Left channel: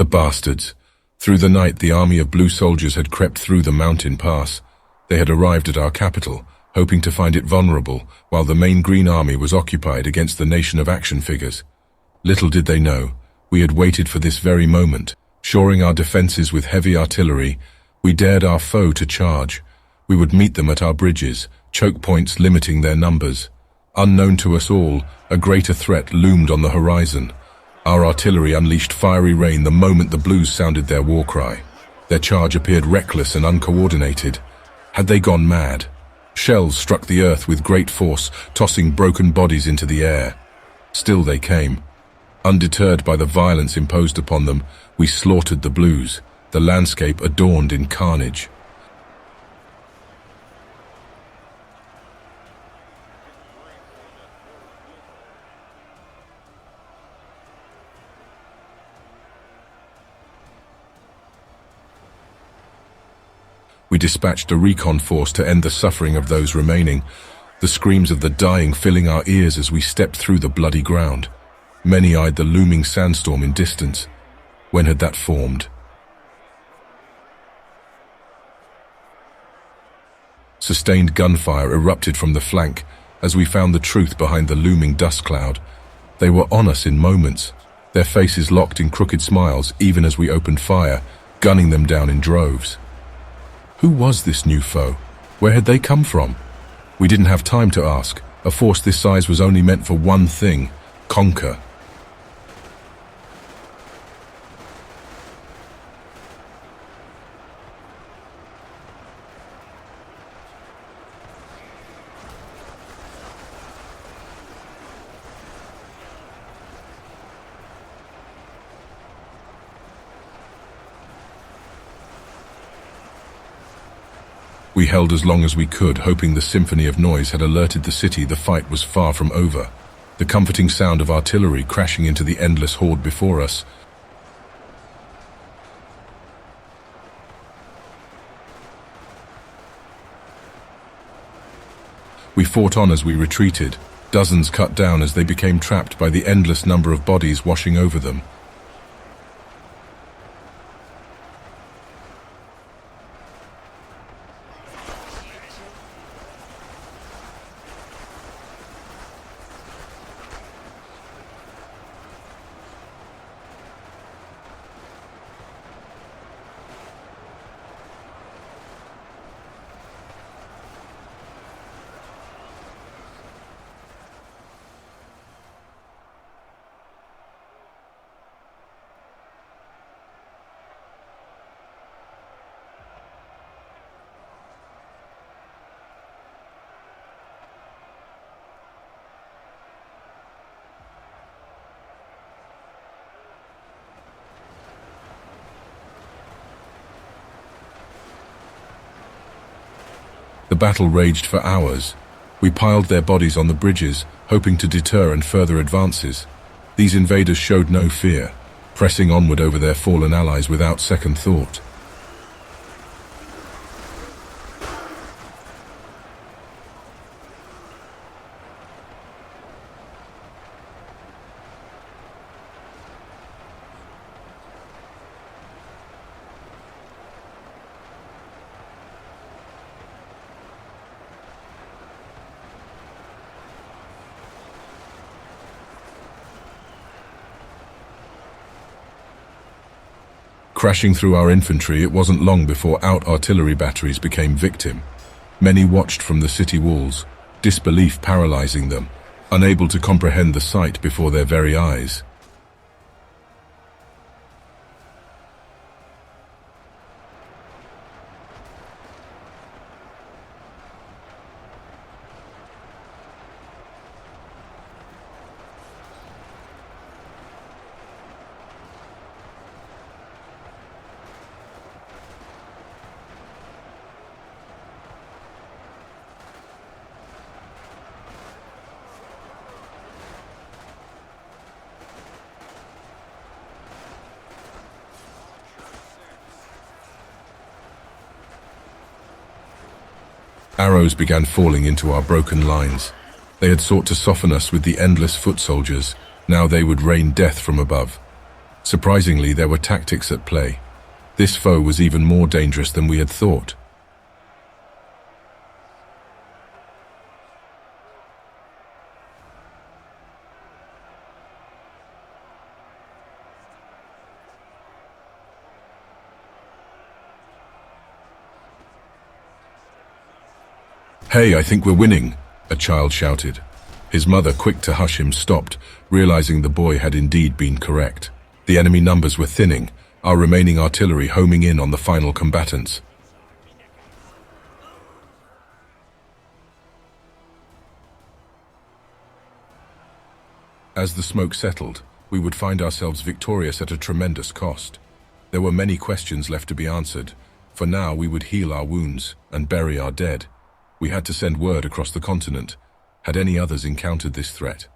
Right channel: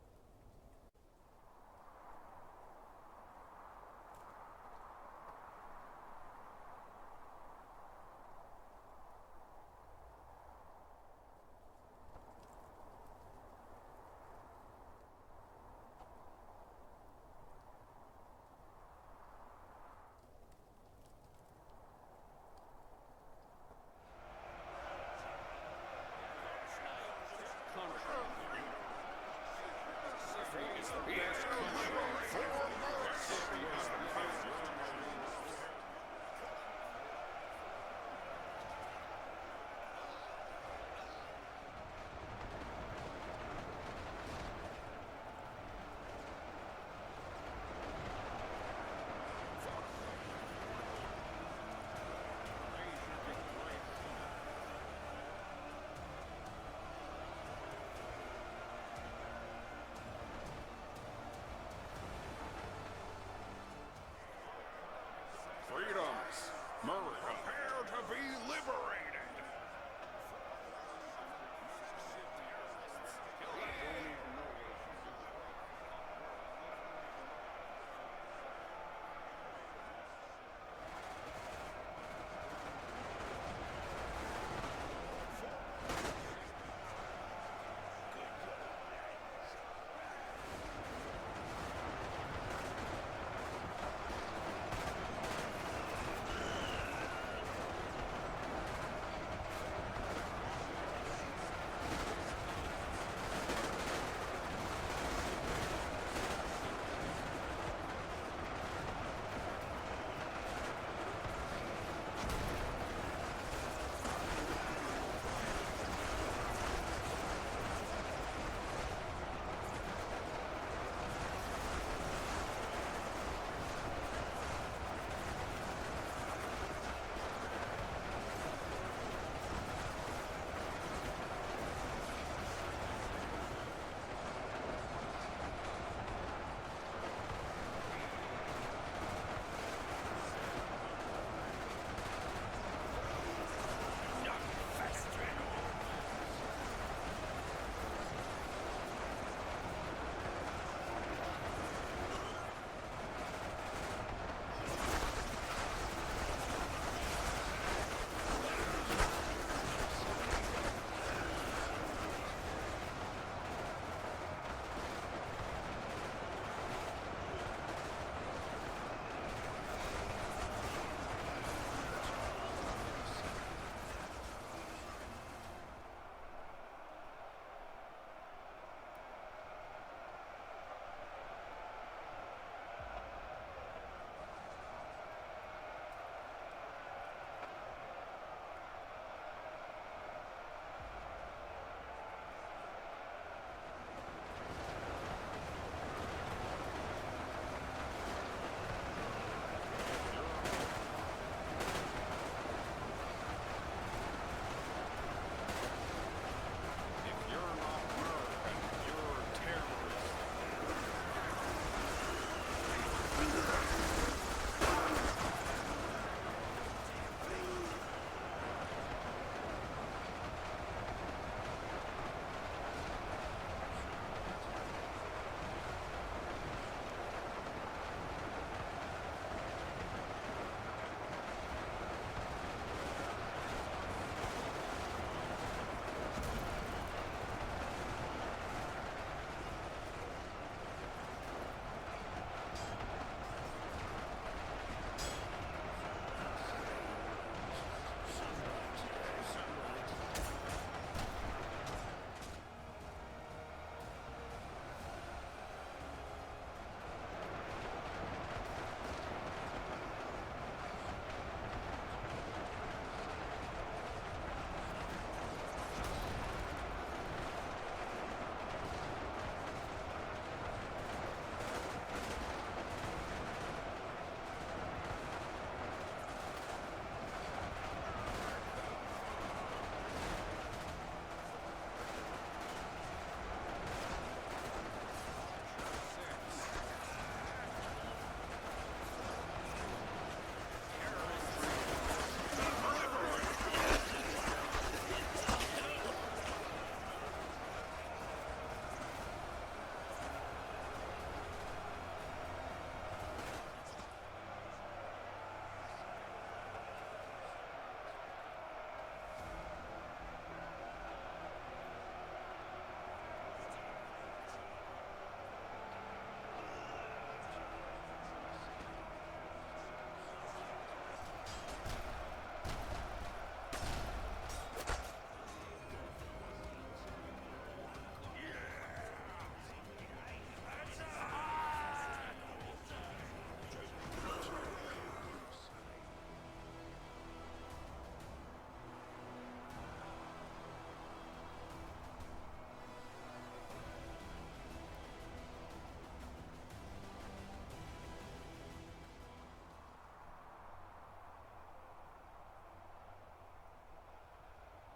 The bastards! Through the night, the army of blue soldiers had crept through the mountain pass. They had arrived at our capital, hoping to find it vulnerable, while the main green army was occupied against the nation of action figures. Little did they know, we had waited for this very moment. Shoring our defenses with heavy artillery, we dared our foe to charge. We would meet them at our bridges, choke points limiting their numbers. Unknown to us all, a greater threat loomed on the horizon. Our artillery unleashed fiery rain the moment the blues sounded their war cry. Their charge appeared reckless and uncoordinated. Had they gone mad? Shells struck the earth with great force, tossing broken bodies into the air. Still they came. Undeterred by the violence imposed upon them, we slaughtered the blues, the landscape adorned in carnage. We dispatched a recon force to end the suffering of those remaining, the screams of the dying filling our ears as we stepped through the bloody ground. Many eyed the looming sandstorm in distance. When had that formed? Sustained gunfire erupted from the flank as we found the truth behind the looming dust cloud. They were on us in moments, their faces locked in crooked smiles even as we opened fire, gunning them down in droves. Who was this new foe? Where had they come from? We didn't have time to ask. A force this size was only meant for one thing: conquer. We held as long as we could, hoping the symphony of noise had alerted the city the fight was far from over. The comforting sound of artillery crashing into the endless horde before us. We fought on as we retreated, dozens cut down as they became trapped by the endless number of bodies washing over them. The battle raged for hours. We piled their bodies on the bridges, hoping to deter and further advances. These invaders showed no fear, pressing onward over their fallen allies without second thought. Crashing through our infantry, it wasn't long before out-artillery batteries became victim. Many watched from the city walls, disbelief paralyzing them, unable to comprehend the sight before their very eyes. Arrows began falling into our broken lines. They had sought to soften us with the endless foot soldiers. Now they would rain death from above. Surprisingly, there were tactics at play. This foe was even more dangerous than we had thought. "Hey, I think we're winning," a child shouted. His mother, quick to hush him, stopped, realizing the boy had indeed been correct. The enemy numbers were thinning, our remaining artillery homing in on the final combatants. As the smoke settled, we would find ourselves victorious at a tremendous cost. There were many questions left to be answered. For now, we would heal our wounds and bury our dead. We had to send word across the continent. Had any others encountered this threat?